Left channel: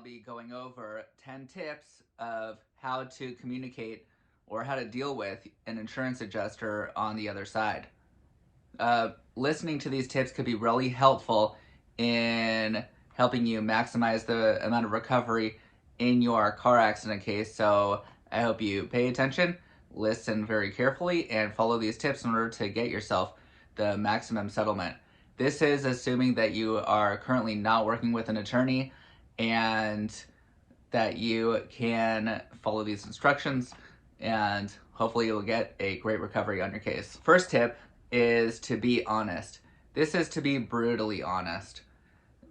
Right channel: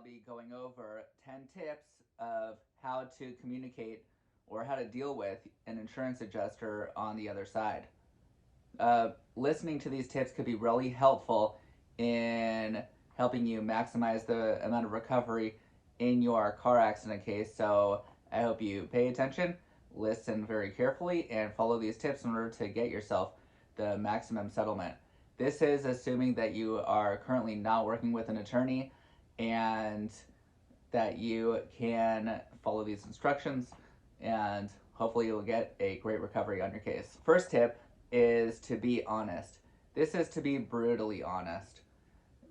I'll be going over 10 tips of how to communicate or how to deal with an insurance adjuster on the other side. Listening to these tips could be really helpful in helping you maximize the amount of recovery in your car accident case. So I hope you pay attention, listen very carefully, and follow these tips in order to get yourself the maximum settlement. This is assuming that you are currently not working with an attorney and that you can follow these instructions, and hopefully you'll get a great recovery on your case. First tip is to be honest. This is to be brutally honest.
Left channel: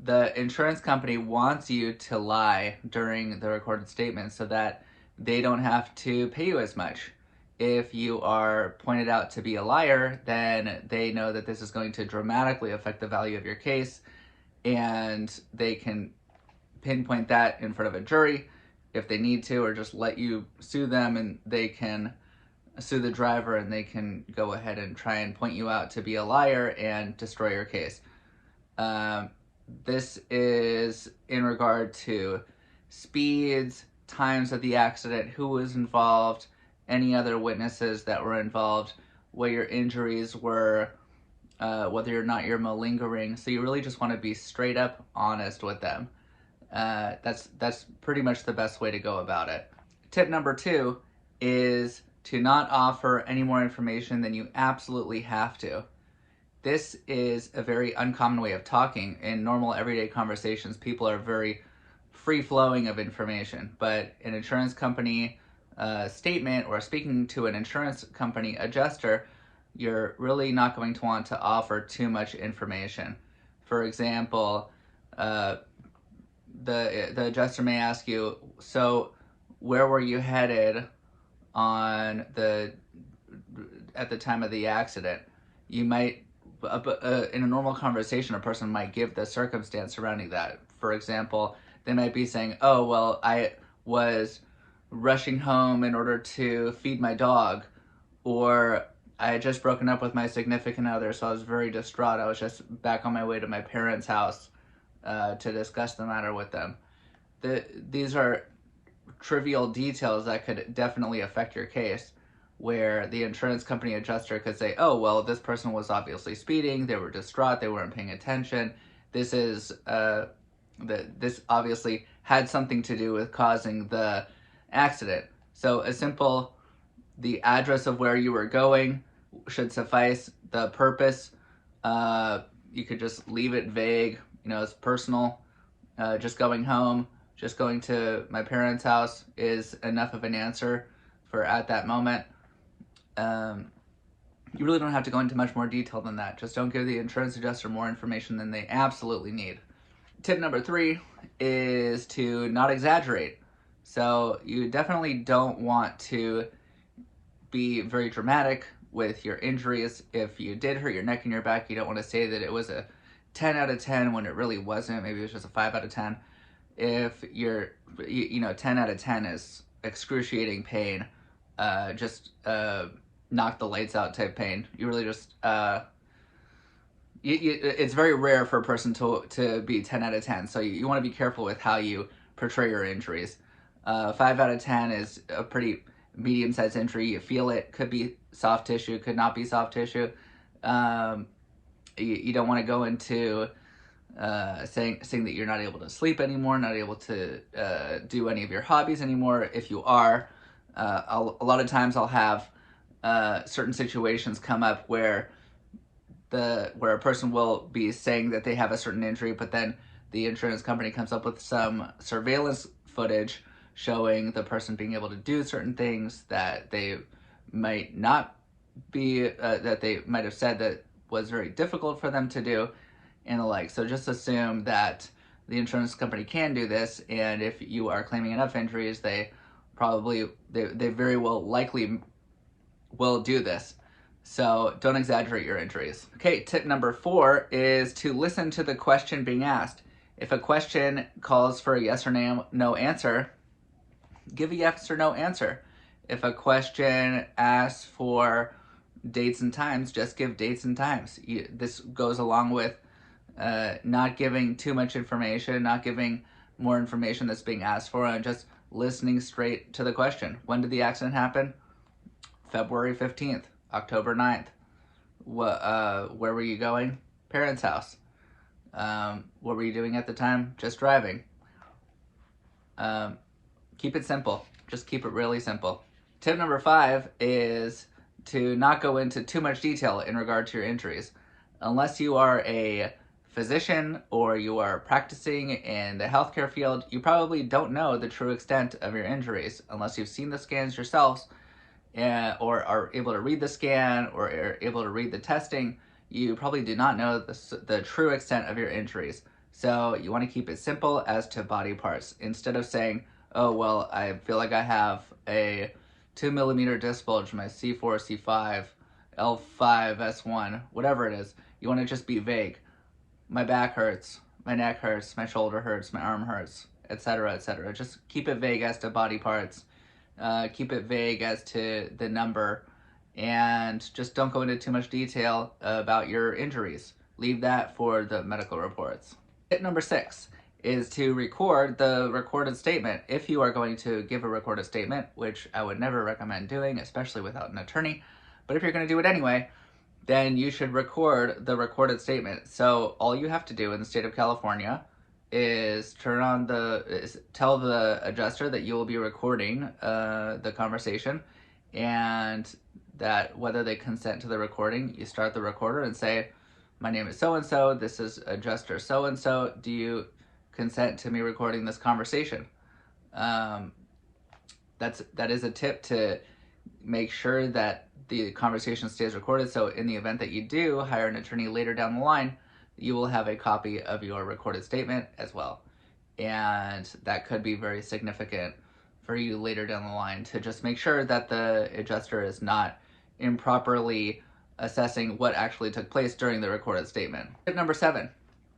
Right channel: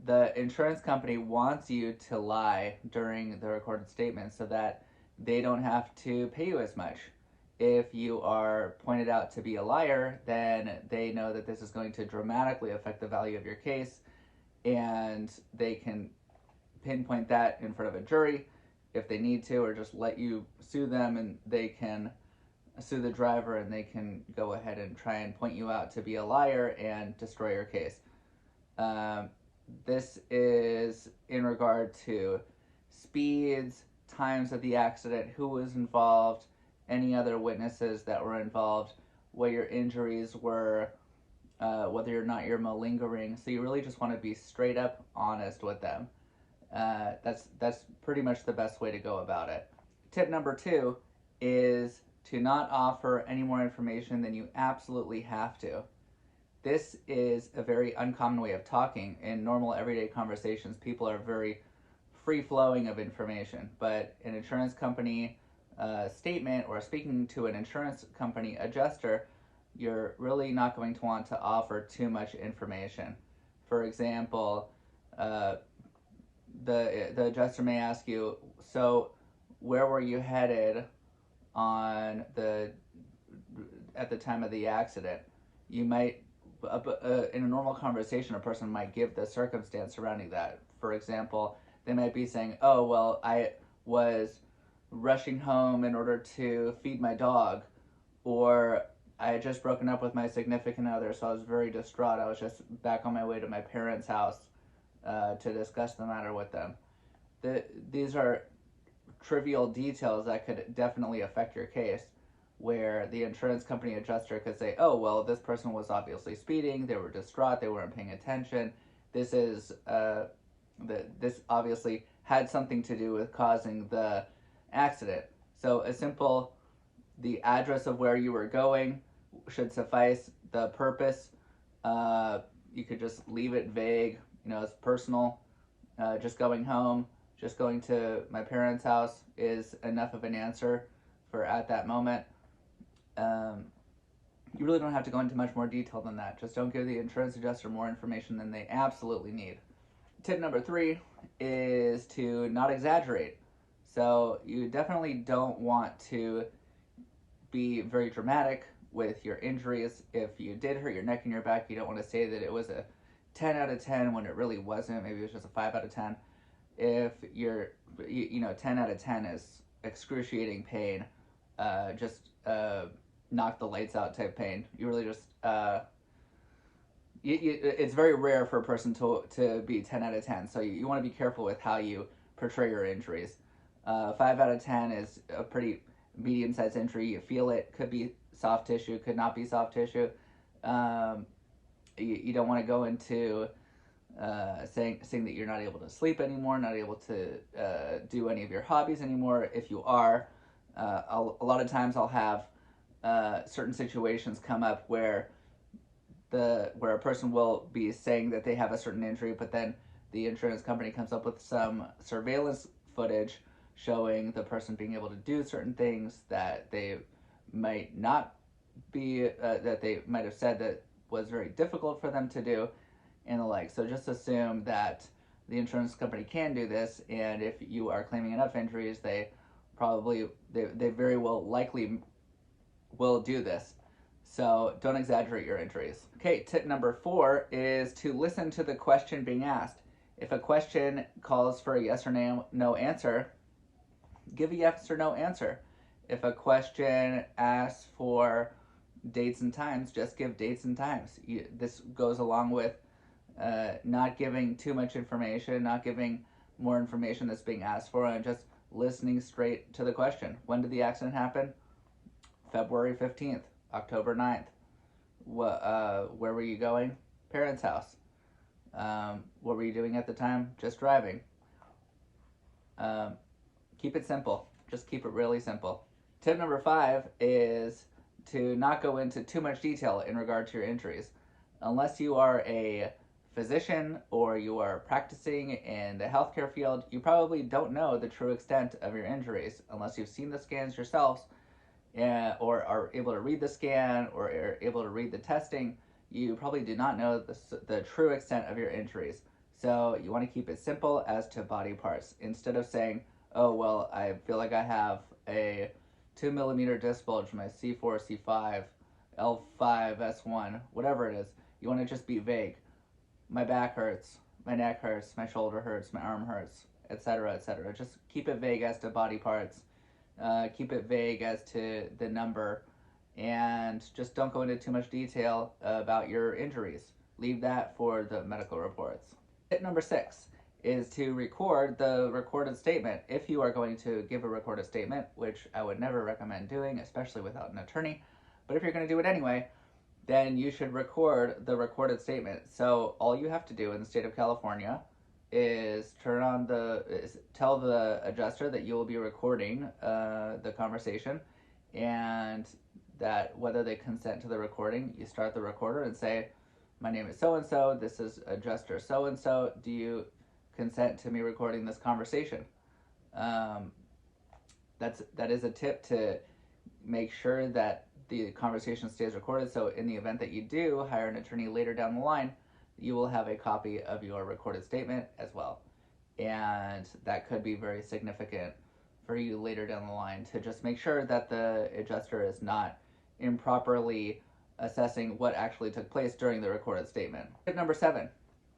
The insurance company wants you to lie during the recorded statement so that they don't have to pay you as much. If you are pointed out to be a liar, then they know that this is going to dramatically affect the value of your case, and they can pinpoint that in front of a jury if they need to, or just let you sue them, and they can sue the driver and they can go ahead and try and point you out to be a liar and destroy your case. This is in regard to speeds, times of the accident, who was involved, any other witnesses that were involved, what your injuries were, whether or not you're malingering. So you really just want to be straight up honest with them. That's pretty much the best way to go about it. Tip number 2 is to not offer any more information than you absolutely have to. This is a very uncommon way of talking. In normal everyday conversations, people are very free-flowing of information, but an insurance company statement or speaking to an insurance company adjuster, you're really not going to want to offer too much information. For example, the adjuster may ask you, so where were you headed at the time of the accident? You might, in a normal conversation, a person might give the circumstance surrounding that. For example, they might be saying, oh, well, I was rushing home in order to feed my dog, or I had just broken up with my significant other, so I was very distraught. I was just back on my way to my parents' house to discuss the matter with them. These are trivial details that could definitely affect your case, where the insurance company adjuster could say, oh, well, this person was obviously speeding, they were distraught, they weren't paying attention. This obviously had something to do with causing the accident. So the address of where you were going should suffice. The purpose, you could just leave it vague, it's personal. Just going home, just going to my parents' house is enough of an answer for at that moment. You really don't have to go into much more detail than that. Just don't give the insurance adjuster more information than they absolutely need. Tip number 3 is to not exaggerate. So you definitely don't want to be very dramatic with your injuries. If you did hurt your neck and your back, you don't want to say that it was a 10 out of 10 when it really wasn't. Maybe it was just a 5 out of 10. If 10 out of 10 is excruciating pain, just knock the lights out type pain. You really just, it's very rare for a person to be 10 out of 10. So you want to be careful with how you portray your injuries. 5 out of 10 is a pretty medium-sized injury. You feel it, could be soft tissue, could not be soft tissue. You don't want to go into saying that you're not able to sleep anymore, not able to do any of your hobbies anymore. If you are, a lot of times I'll have certain situations come up where a person will be saying that they have a certain injury, but then the insurance company comes up with some surveillance footage showing the person being able to do certain things that they might not be, that they might have said that was very difficult for them to do, and the like. So just assume that the insurance company can do this, and if you are claiming enough injuries, they very well likely will do this. So don't exaggerate your injuries. Okay, tip number 4 is to listen to the question being asked. If a question calls for a yes or no answer, give a yes or no answer. If a question asks for dates and times, just give dates and times. This goes along with not giving too much information, not giving more information that's being asked for and just listening straight to the question. When did the accident happen? February 15th, October 9th. Where were you going? Parents' house. What were you doing at the time? Just driving. Keep it simple. Just keep it really simple. Tip number 5 is to not go into too much detail in regard to your injuries. Unless you are a physician or you are practicing in the healthcare field, you probably don't know the true extent of your injuries unless you've seen the scans yourselves or are able to read the scan or are able to read the testing. You probably do not know the true extent of your injuries. So you want to keep it simple as to body parts. Instead of saying, oh, well, I feel like I have a 2 millimeter disc bulge in my C4, C5, L5, S1, whatever it is. You want to just be vague. My back hurts, my neck hurts, my shoulder hurts, my arm hurts, etc., etc. Just keep it vague as to body parts. Keep it vague as to the number, and just don't go into too much detail about your injuries. Leave that for the medical reports. Tip number 6 is to record the recorded statement. If you are going to give a recorded statement, which I would never recommend doing, especially without an attorney, but if you're going to do it anyway, then you should record the recorded statement. So all you have to do in the state of California is tell the adjuster that you will be recording the conversation, and that whether they consent to the recording, you start the recorder and say, my name is so-and-so, this is adjuster so-and-so, do you consent to me recording this conversation? That is a tip to make sure that the conversation stays recorded, so in the event that you do hire an attorney later down the line, you will have a copy of your recorded statement as well. And that could be very significant for you later down the line to just make sure that the adjuster is not improperly assessing what actually took place during the recorded statement. Tip number 7,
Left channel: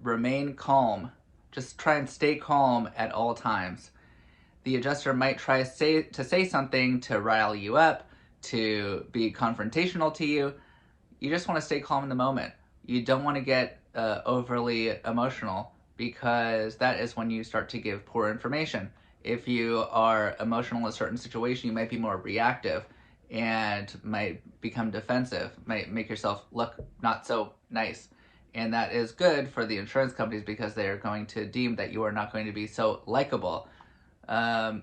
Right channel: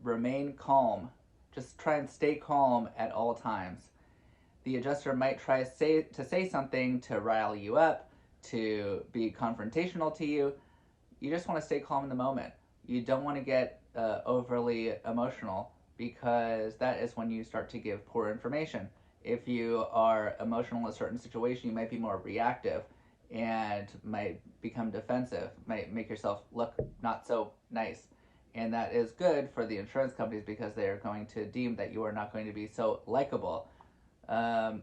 remain calm. Just try and stay calm at all times. The adjuster might try to say something to rile you up, to be confrontational to you. You just want to stay calm in the moment. You don't want to get overly emotional, because that is when you start to give poor information. If you are emotional in a certain situation, you might be more reactive and might become defensive, might make yourself look not so nice. And that is good for the insurance companies because they are going to deem that you are not going to be so likable.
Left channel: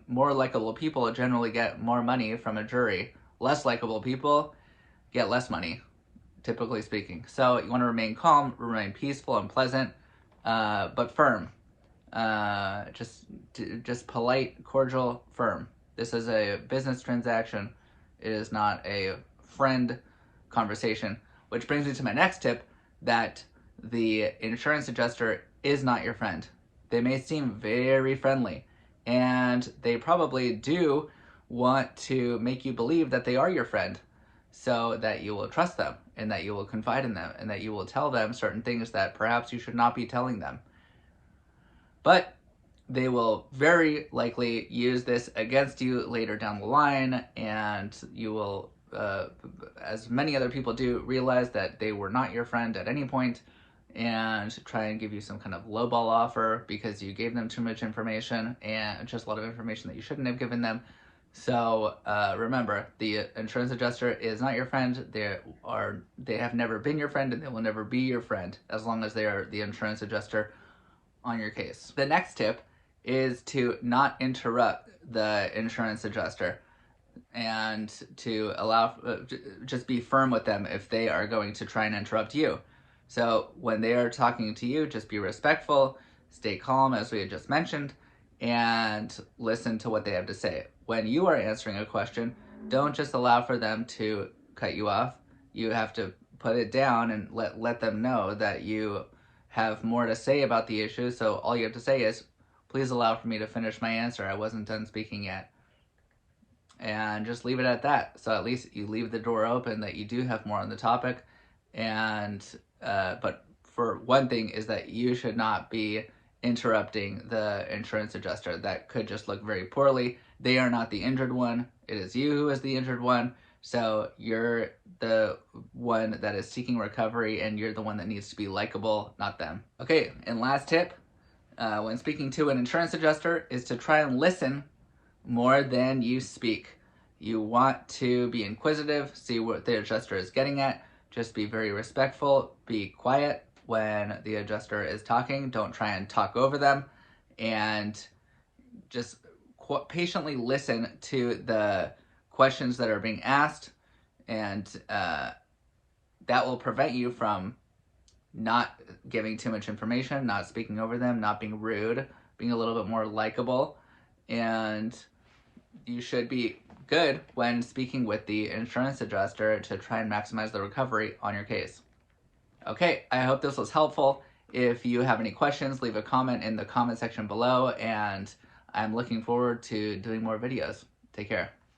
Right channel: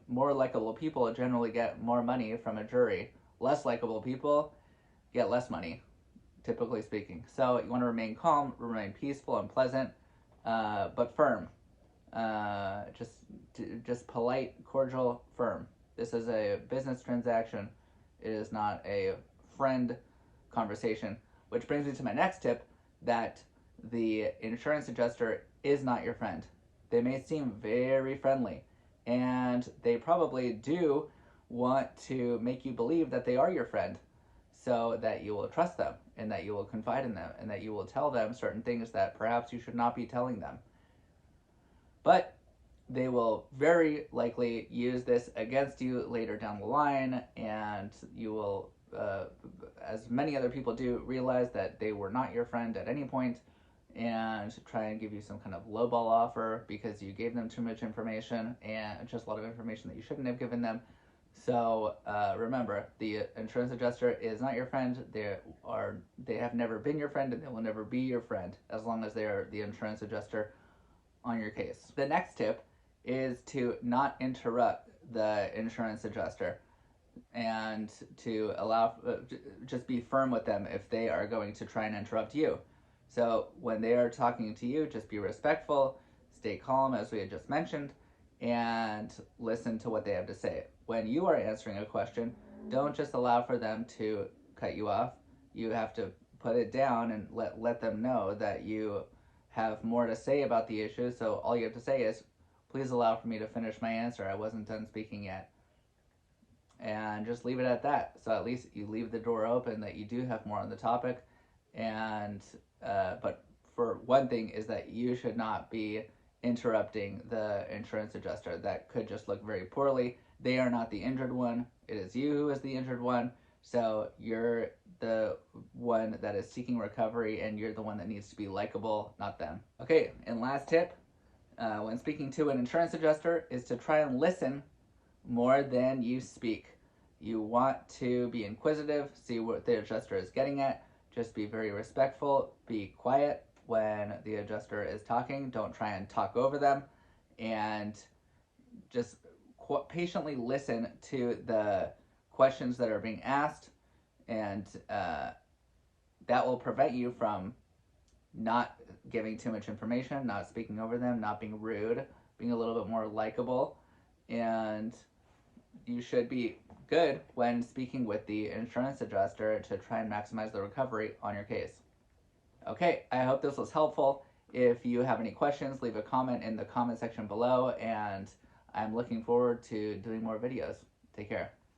More likable people generally get more money from a jury. Less likable people get less money, typically speaking. So you want to remain calm, remain peaceful and pleasant, but firm. Just polite, cordial, firm. This is a business transaction. It is not a friend conversation, which brings me to my next tip, that the insurance adjuster is not your friend. They may seem very friendly, and they probably do want to make you believe that they are your friend, so that you will trust them and that you will confide in them and that you will tell them certain things that perhaps you should not be telling them. But they will very likely use this against you later down the line, and you will, as many other people do, realize that they were not your friend at any point and try and give you some kind of lowball offer because you gave them too much information, and just a lot of information that you shouldn't have given them. So remember, the insurance adjuster is not your friend. They have never been your friend, and they will never be your friend as long as they are the insurance adjuster on your case. The next tip is to not interrupt the insurance adjuster, and to allow, just be firm with them if they are going to try and interrupt you. So when they are talking to you, just be respectful, stay calm as we had just mentioned, and listen to what they have to say. When you are answering a question, don't just allow for them to cut you off. You have to put it down and let them know that you have more to say about the issue. So all you have to say is, please allow for me to finish my answer. I wasn't done speaking yet. And just leave it at that. So at least you leave the door open that you do have more on the topic. And but for one thing is that you should not be interrupting the insurance adjuster. That could just look very poorly. They are not the injured one. It is you who is the injured one. So you're the one that is seeking recovery, and you're the one that needs to be likable, not them. Okay, and last tip, when speaking to an insurance adjuster is to try and listen more than you speak. You want to be inquisitive, see what the adjuster is getting at. Just be very respectful, be quiet when the adjuster is talking. Don't try and talk over them, and just patiently listen to the questions that are being asked, and that will prevent you from not giving too much information, not speaking over them, not being rude, being a little bit more likable, and you should be good when speaking with the insurance adjuster to try and maximize the recovery on your case. Okay, I hope this was helpful. If you have any questions, leave a comment in the comment section below, and I'm looking forward to doing more videos. Take care.